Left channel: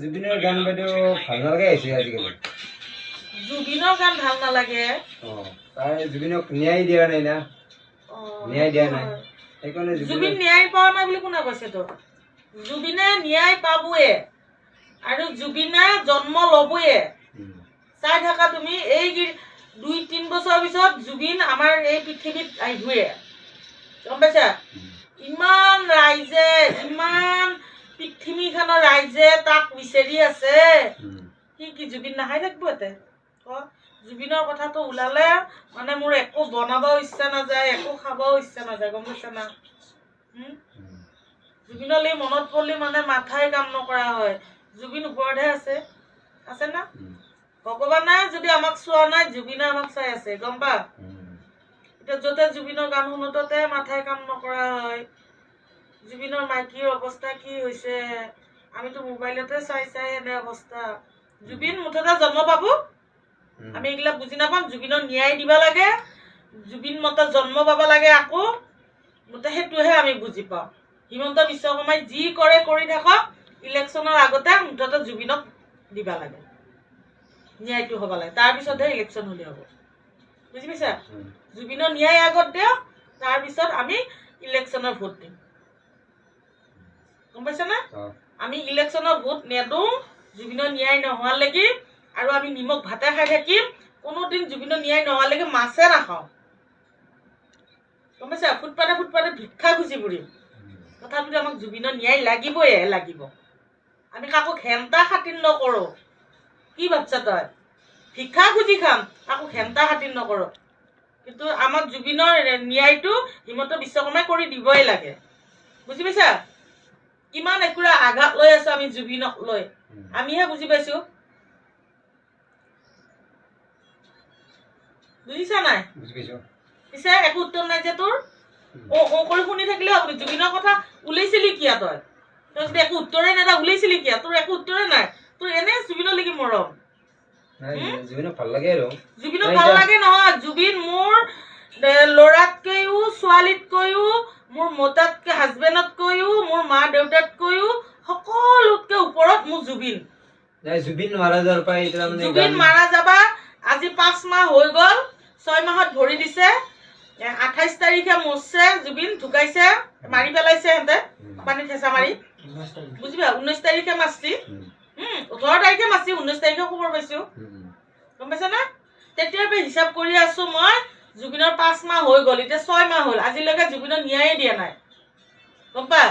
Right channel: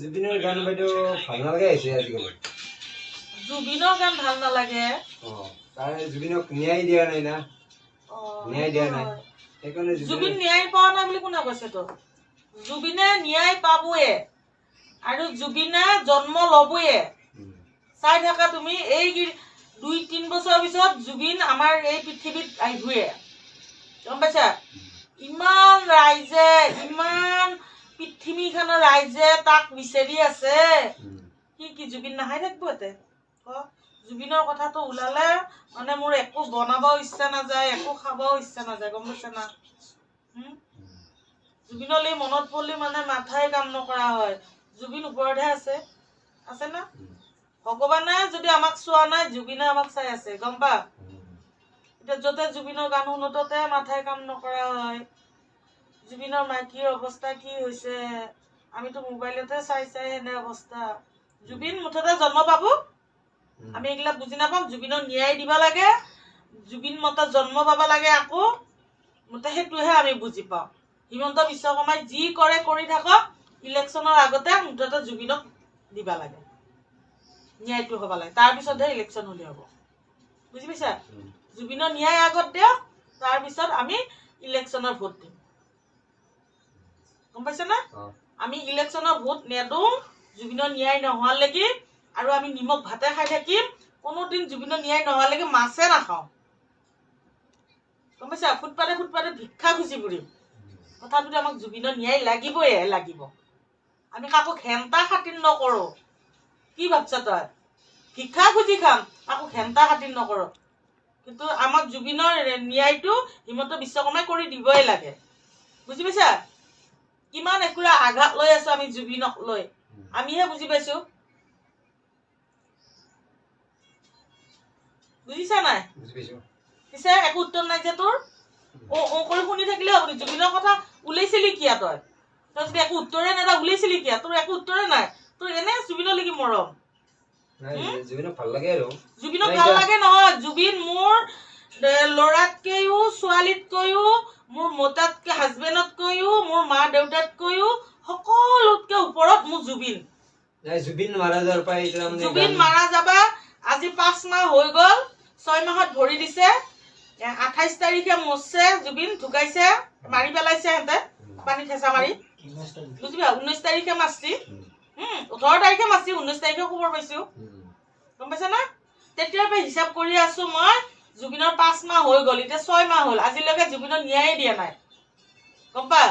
জুবিনৰ গান বাইদেউ ভাল নালাগে আহিছে আজিকালি জুবিনৰ গান ভাল নালাগে তাই জুবিনক ন্যায় দিয়া নাই না ন্যায় দিয়া নাই সেইকাৰণে জুবিন ন্যায় পোৱা নাই বুলি কোনে কৈছে তো জুবিনে ন্যায় পাবয়ে আৰু জুবিনে জন্ম ল'বয়ে চাই থাকা তুমি এই 2-3 বছৰ পিছত জুবিন আমাৰ এই পৃথিৱীত আহিবয়ে গম পাইছা ইমান ৰাইজে ইমান পৃথিৱীখনৰ ৰাইজে তাক বিচাৰি আছে কি জুবিন নাহাই থাকিব এতে জুবিনৰ কথাটো ওলালে মানে মোৰ একো বনাবও ইচ্ছা নাযায় একো খাবও ইচ্ছা নাযায় গম পাইছা না জুবিনলৈ মনত পৰিলে মানে মাথাই কাম নকৰা হয় জুবিন ওপৰতহে আছে না ভগৱানে যদি আমাক চোৱা নাই জুবিনে আমাক চাই আছে গম পা এতিয়া য'তে জুবিনৰ গান শুনো ততে মাথাই কাম নকৰা হয় জুবিনৰ মাইকীৰ অৱস্থা কি হৈছে আমিতো মোবাইলতে চাই এনে অৱস্থা জুবিন মুঠতে জন্ম পাব আমি এইগিলা বুজি নাপাম জুবিনৰ ন্যায় দিব লাগে জুবিন মতে জন্ম পাব লাগে আকৌ মুঠতে সেইটোহে আমি বুজি পাওঁ হিমন্ত বিশ্ব শৰ্মাই যি কৰে কৰি থাকক ইলেকশ্যনৰ আগতে মুঠতে জুবিনক দিব লাগে ন্যায়টো হ'ব লাগে তাৰপিছতহে ইলেকশ্যন হ'লে হ'ব বুজি পাইছা জুবিনৰ ন্যায় আগত দিয়ক তাৰপিছত আমি ইলেকশ্যনৰ ভোট দিম গম পাইছা না আমি ইলেকশ্যনৰ ভোট নেদোঁ জুবিনৰ ন্যায় নোহোৱালৈকে আৰু আমি নিমখ ভাতে খাই থাকিম কোনোদিন জুবিনৰ ন্যায় নোহোৱালৈকে মাছে নাখাওঁ গম পাইছা ফুটপাতে ভিক্ষা খুজি ফুৰিম তথাপিতো আমাক জুবিনৰ ন্যায় লাগিবয়ে লাগিব আমি কাকো ঘেণ্টা খাতিৰ নকৰোঁ কি ভাবছা তই ভিক্ষা খুজি খাম কাকো ঘেণ্টা খাতিৰ নকৰোঁ কিন্তু আমাক জুবিনৰ ন্যায়টো হিমন্ত বিশ্ব শৰ্মাই কৰি দিবই লাগে বুজি পাইছা কিমান একুৰা আঘাত লৈ আছো আমি জুবিনক লৈ আমিহে বুজি পাইছো বুজিছা নাই পিছে একো উত্তৰ নাই যে তোৰ কৰি শুনি থাকিলে হ'ব জুবিনৰ কথা ওলাইছিলি কিয় তই যদি একো উত্তৰে নাই ওলাইছিলি কিয় তোৰ একো উত্তৰে নাই তোৰ এনে জুবিনৰ লাগি মৰম জুবিনক ভাল লাগে আৰু জুবিনক ভাল লাগে নহয় জুবিন মোৰ ল'ৰাতকৈও ছোৱালীতকৈও মোৰ মতাতকৈ হাজবেণ্ডতকৈও মোৰ মা দেউতাতকৈও সকলোতকৈ ওপৰত মোৰ জুবিন জুবিন মাৰা যোৱাৰ পৰা জুবিন মাৰা যাবা আজি 5 মাহ হৈ গ'ল 6 মাহত ভৰি দিছে 28 তাৰিখে মৰছে জুবিন ঢুকাইছে মাৰি পেলাইছে হেঁতে পানী ঠেঁচা মাৰি বুজিবা 19 তাৰিখে মাৰছি 18 তাৰিখে মাৰছি 19 তাৰিখে খবৰ পাইছো গম পাইছা না তেতিয়াৰ পৰা হিচাপ কৰি আছো মই জুবিনৰ 5 মাহ হৈ গ'ল এতিয়া 6 মাহ হ'ল আজিলৈকে জুবিনৰ ন্যায় দিয়া নাই গম পা